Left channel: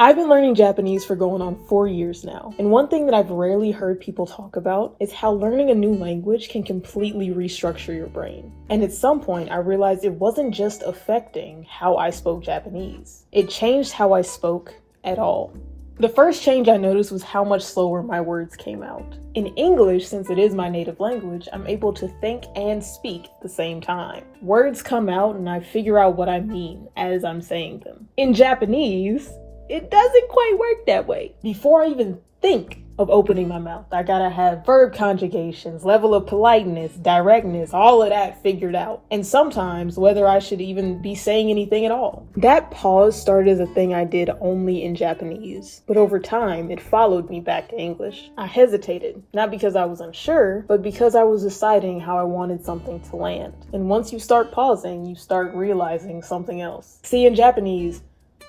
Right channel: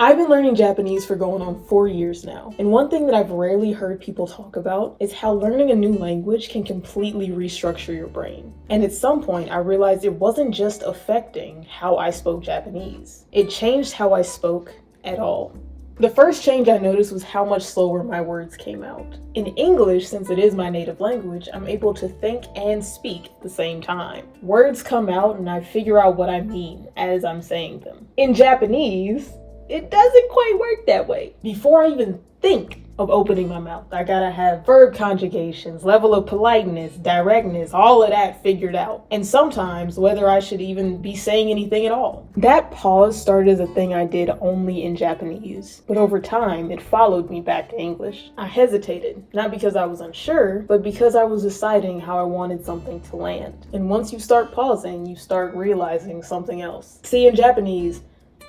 I've been learning Japanese for going on 4 years now, and one thing that I've rarely heard people talk about is how learning a new language can completely restructure your brain. And at some point, I realized it wasn't just affecting how I spoke Japanese, it changed how I spoke at all. The first change I noticed was how much slower my words came out. In English, since it is my native language, I'm able to think and speak at the same time. Words come out and I figure out what I mean as I'm saying them. In Japanese, it doesn't quite work that way. Before I even think of opening my mouth, I gotta have verb conjugations, level of politeness, directness, all of that figured out. And sometimes whether I should even be saying anything at all. That pause started as a thing I did only in Japanese, but over time it followed me back to English. I hesitated, not because I was unsure, but because I was deciding how I wanted something to land. And once you start pausing, you start realizing something else. See, in Japanese,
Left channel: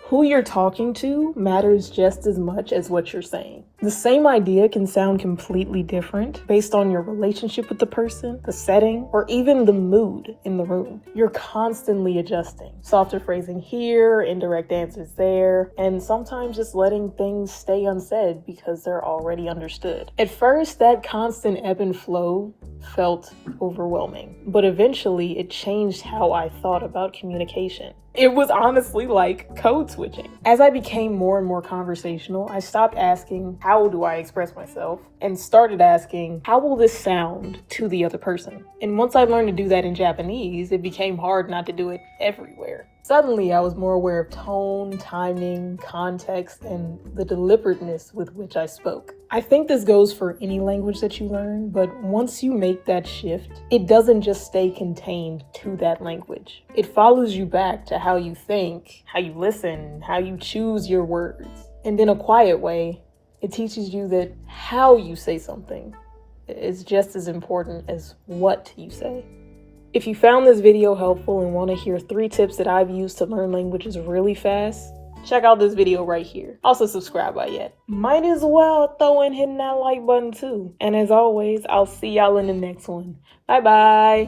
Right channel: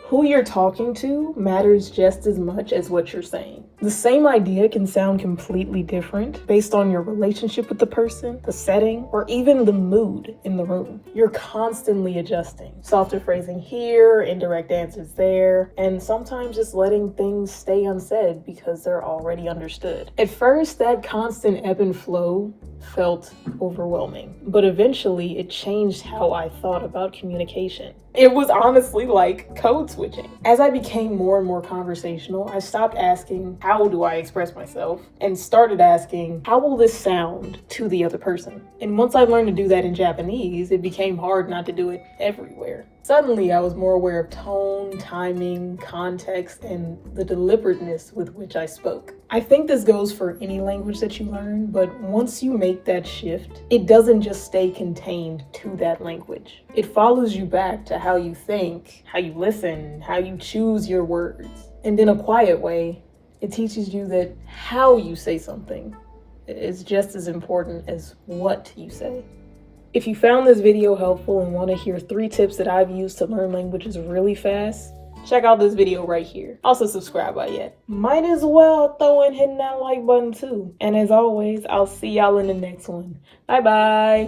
who you're talking to matters just as much as what you're saying. The same idea can sound completely different based on your relationship with the person, the setting, or even the mood in the room. You're constantly adjusting. Softer phrasing here, indirect answers there, and sometimes just letting things stay unsaid because they're already understood. At first, that constant ebb and flow felt overwhelming, but eventually it changed how I thought about communication. It was honestly like code switching. As I became more and more conversational, I stopped asking, how do I express myself? And started asking, how will this sound to the other person? And once I learned to do that in Japanese, it became hard not to do it everywhere. Suddenly, I was more aware of tone, timing, context, and the deliberateness with which I spoke. I think this goes for any language that you learn, but once you make that shift, it doesn't just stay contained to that language. It follows you back to how you think, how you listen, how you choose your words. And in a quiet way, it teaches you that how you say something is just as important as what you say. If you found this video helpful and want to hear 3 tips that I've used to learn languages really fast, check out this video right here. Also subscribe by yet. Might as well throw in hitting that like button too. And as always, I'll see y'all in the next one. Bye bye.